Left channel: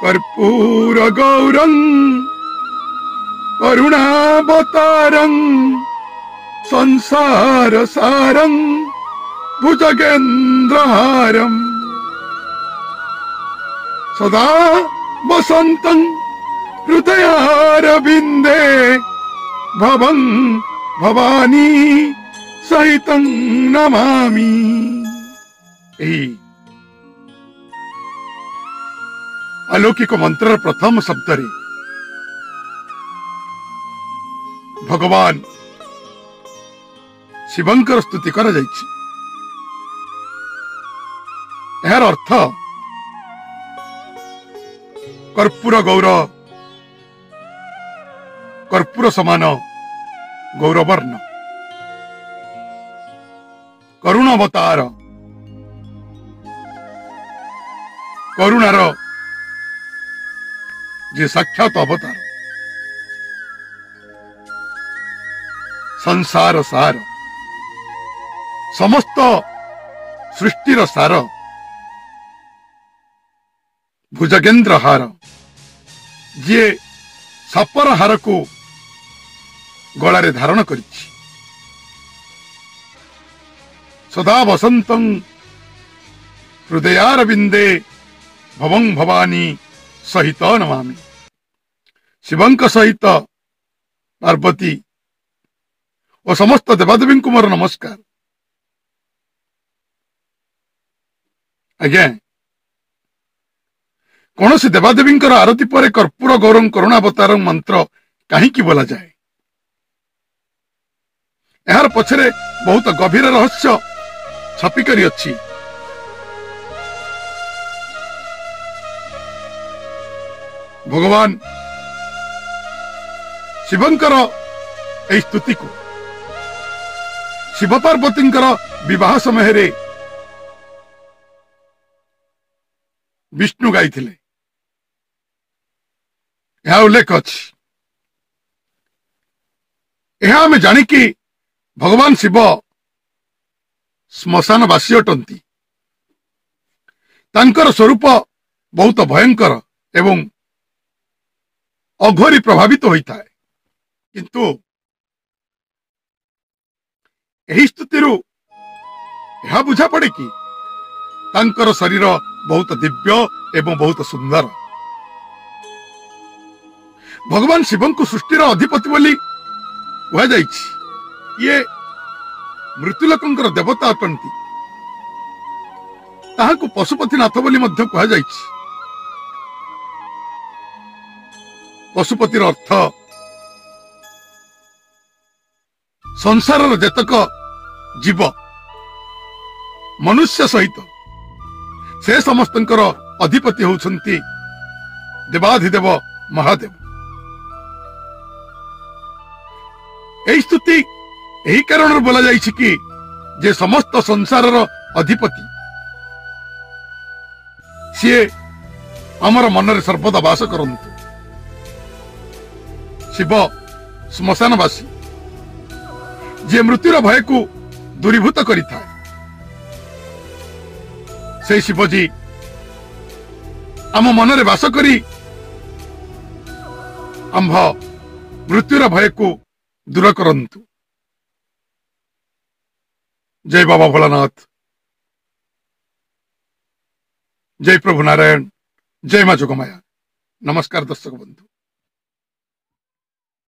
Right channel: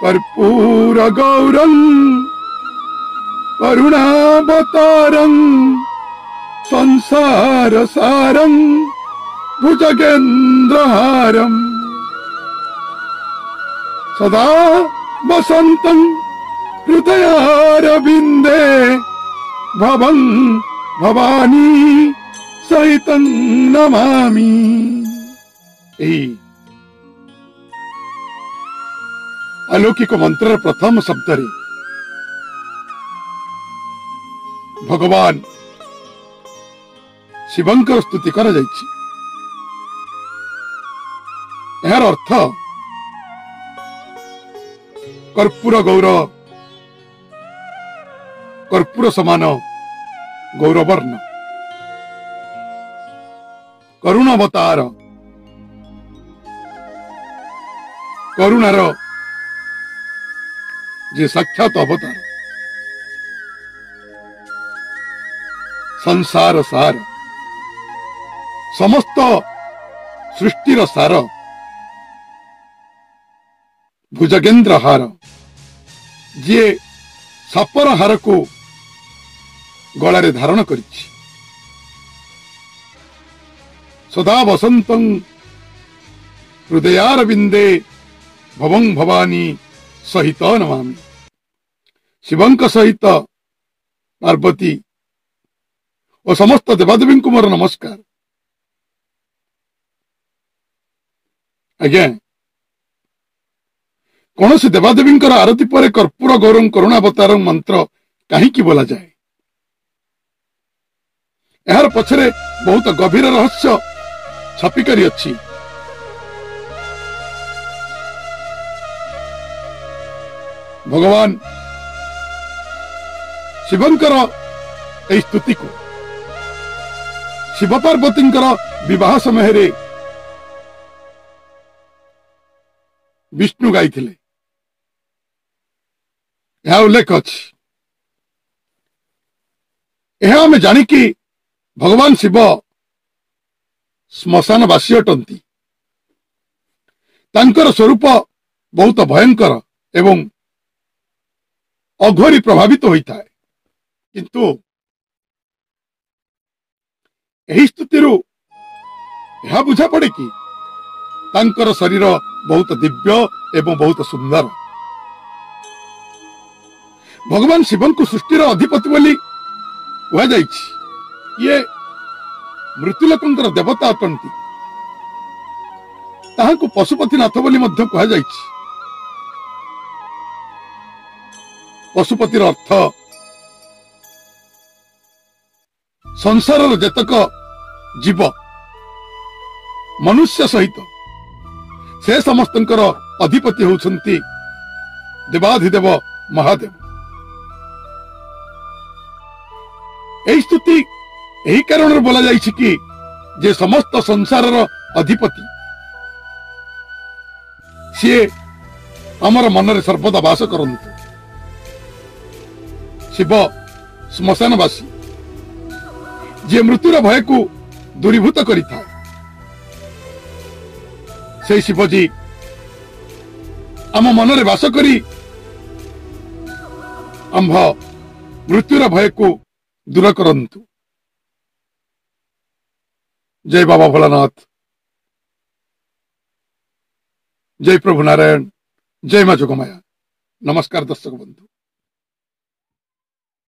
कर्पूर गौरं करुणावतारं संसार सारं भुजगेन्द्रहारं सदा वसन्तं हृदयारविन्दे भवं भवानी सहितं नमामि। अलौकिक मंत्र प्रथम शब्द रे भगवान शिवंकर स्तुति कर जाइछि। यार अर्थ कर्पूर गौर कर्पूर समान गौरवर्ण करुणावतार करुणार जे साक्षात अवतार संसार सार समस्त सृष्टिर सार भुजगेन्द्र हार जे सापर हार को गलारे धारण करिछि सदा वसंतं हृदयारविंदे भवं भवानी सहित नमामि। शिवंक सहित पार्वती और समस्त देवादेवी को मोर नमस्कार। आज्ञा कौन से देवादेवी आरती पर कर्पूर गौरं करुणावतारं मंत्र कहीं बोला जाए यार पछरे बहुत गभीर रहस्य छपिकारी अच्छी। भगवान शिवंकर ए स्तुति को शिव पार्वती विवाह समय रे विष्णु गाई यह उल्लेख अच्छी। यह आम जानिकी भगवान शिव श्मशानवासी अटंती। तांकर स्वरूप बहुत भयंकर एवं अघोरी प्रभावित होता है किंतु यही स्तुति यह बुझा पड़े कि तांकर शरीर बहुत दिव्य एवं बहुत सुंदर। भगवान शिवन को सृष्टिर अधिपति बोली कह जाइछि। ये मृत्युलोकंकर देवता अटंती। ताहाको पशुपतिनाथ बोली मध्य कह जाइछि। पशुपतिर अर्थ संसार जेतक जीव मनुष्य सहित से समस्तंकर अधिपति होउछंती देवाधिदेव महादेव। एही स्तुति एही कारण बोला जाइछि कि जे समस्त संसारर अधिपति सी आमर मनरे सर्वदा वास करंतु। शिव श्मशानवासी जे मृत्युर भय को दूरीभूत करिथा से शिवजी आम मनरे वास करी आंभ मृत्युर भय को दूर करंतु। जय बाबा भोलानाथ, जय प्रभु नारायण, जय मां जोगमाया। नमस्कार दर्शक बंधु।